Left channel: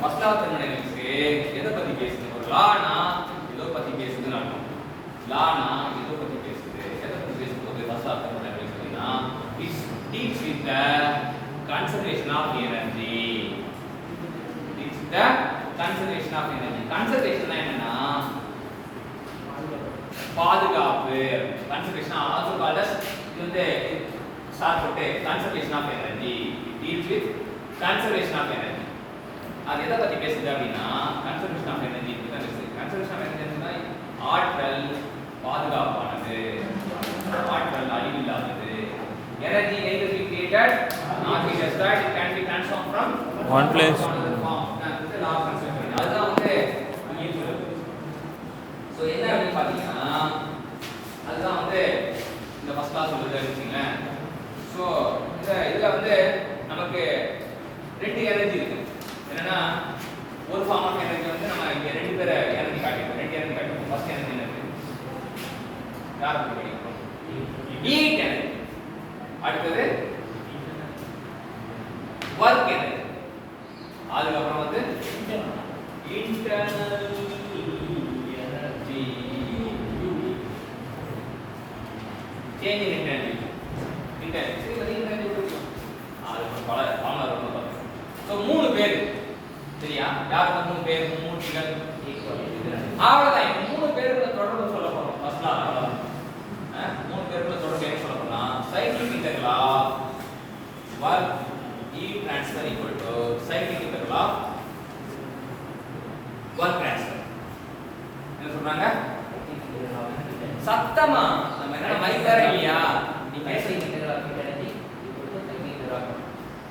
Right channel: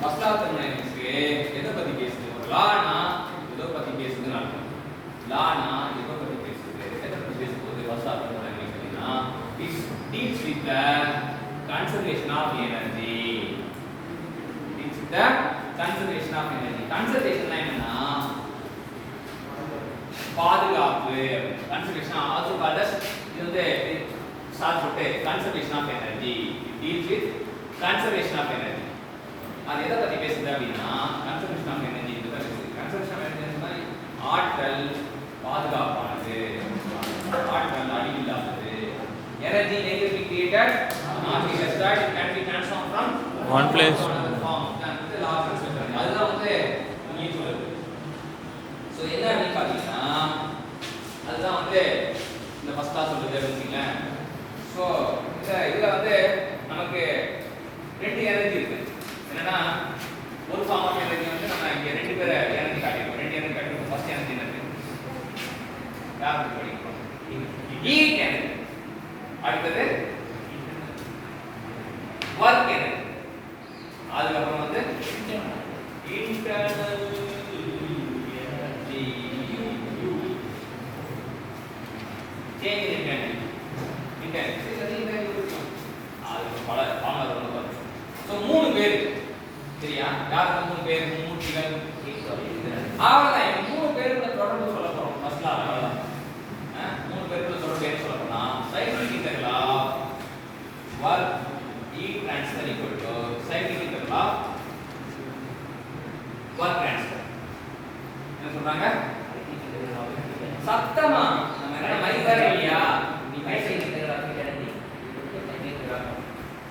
First law of தெர்மோடைனமிக்ஸ்க்கு எதை பத்தி பேசுது? ஒரு லானா எதை பத்தி பேசுதுன்னு அர்த்தம். லானா எதை பத்தி பேசுது? எதை பத்தி பேசும்போது ஃபர்ஸ்ட் லா ஆஃப் தெர்மோடைனமிக்ஸ் அப்படின்னா it's deals with the conservation of energy. It's the conservation of energy. கன்சர்வேஷன்னா என்னன்னா பாதுகாப்பு. கன்சர்வேஷன் ஆல்சோ கால்ட் அஸ் இது வந்து ஸ்டார்ட் போட்டு conservation of energy. Deals with conservation of energy. அது எதை பத்தி பேசுது அப்படின்னா கன்சர்வேஷன் ஆஃப் எனர்ஜி பத்தி பேசுது. கன்சர்வேஷன் ஆஃப் எனர்ஜினா ஆற்றல் பாதுகாப்பானது, ஆற்றல் அழிவில்லாதது. Energy neither be created nor be destroyed, it can be transformed from one place to another form. இது லா ஆஃப் கன்சர்வேஷன். அதுதான் வந்து இங்கே சொல்லுது. சோ என்ன அப்படின்னு பாத்தீங்கன்னா அதுதான் வந்து இந்த ஃபர்ஸ்ட் கிளாஸ் சொல்லுது அப்படிங்களா. சோ இதுல வந்து நமக்கு ரெண்டு எனர்ஜி இருக்கு. என்னன்னா ஒரு ஃபார்ம் ஆஃப் எனர்ஜி வந்து நம்ம இங்க ரெண்டு பேரை எனர்ஜி காட்டிருக்கோம். ரெண்டு எனர்ஜி காட்டிருக்கோம். ஃபர்ஸ்ட் எனர்ஜி என்னது? யார் பத்தி படிக்கிறோம்? Heat energy. அடுத்தது வொர்க் எனர்ஜி. அதுக்கப்புறம் வந்து internal energy. Change in internal internal இது எனர்ஜி கொடுக்கலாம். அது பல ஃபார்முலா ரொம்ப பார்த்தோம். சோ மூணு பேர் சரியா? யாருக்கு மூணு பேர்? மூர்த்திகள். அவ்வளவுதான். இந்த மூணு பேருக்குள்ள தொடர்பு சொல்ல போறோம் ஃபர்ஸ்ட் லா. மூணு பேருக்குள்ள தொடர்பு என்ன சொல்ல போறோம்னா cyclic interval of work heat transfer equal to cyclic interval of work transfer. என்ன சொல்றாங்க? சத்தமா நம்ம என்ன மைக் வேற இல்லையா? நீ cyclic interval of energy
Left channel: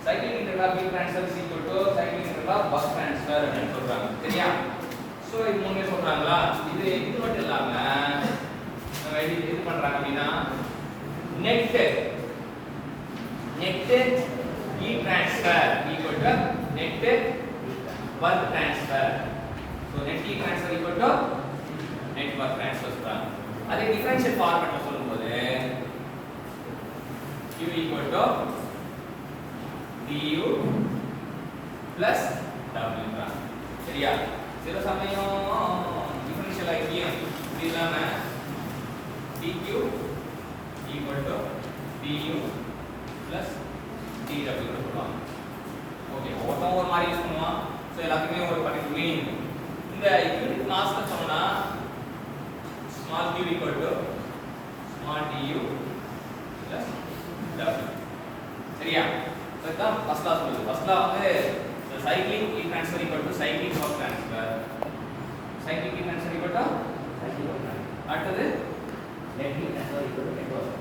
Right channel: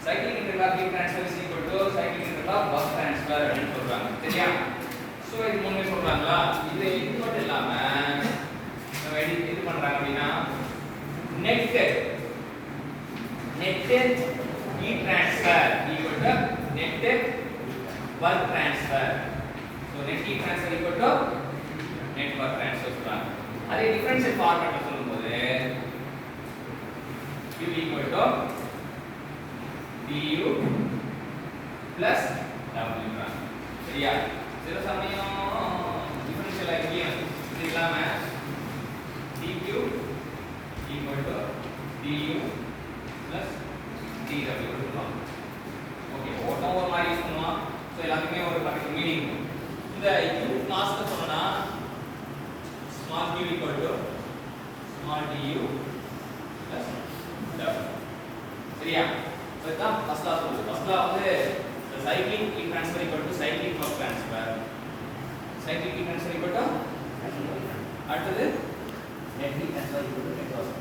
cyclic integral of heat transfer is equal to cyclic integral of work transfer அப்படினு சொல்றாங்க. சரியா? சோ இது மூணுமே சொல்றாங்களா? இது மட்டும் இல்லாம நம்ம இது பண்றாங்க அப்படினா net heat transfer equal to net work transfer. So net heat transfer equal to net work transfer சொல்றாங்க. அதே டிஃபரன்ஷியல் ஃபார்மட்ல சொல்லும்போது Q equal to du plus w. சரியா? சில சமயம் டிஃபரன்ஷியல் ஈக்குவேஷன் இது இல்லாம dq equal to du plus dw சொல்லுவாங்க. Okay, ஒவ்வொருத்தரும் ஒரு மாதிரி யூஸ் பண்ணுவான். ஸோ எல்லாத்துக்குமே ஒரு பர்டிகுலர் மீனிங் இருக்கும். இந்த யூனிட் மாஸ்ல சொன்னா small q equal to small du plus w. சரியா? இதுதான் ஃபர்ஸ்ட் லா சொல்லுது. ஃபர்ஸ்ட் லா வந்து cyclic heat transfer equal to cyclic work transfer. Cyclic heat transfer equal to அடுத்தது net heat transfer equal to net work.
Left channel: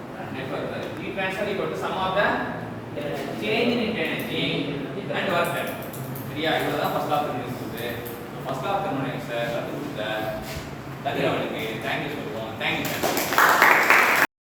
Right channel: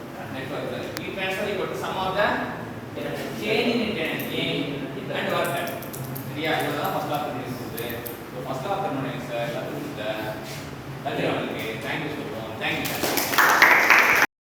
Heat transfer equal to sum of the change in energy and work done. சரியா? இதுதான் first லா பத்தி சொல்லுது. First லா thermodynamics கத்துக்கிட்ட தகுதியானவங்களுக்கு thank you சொல்லுவோம். Thank you.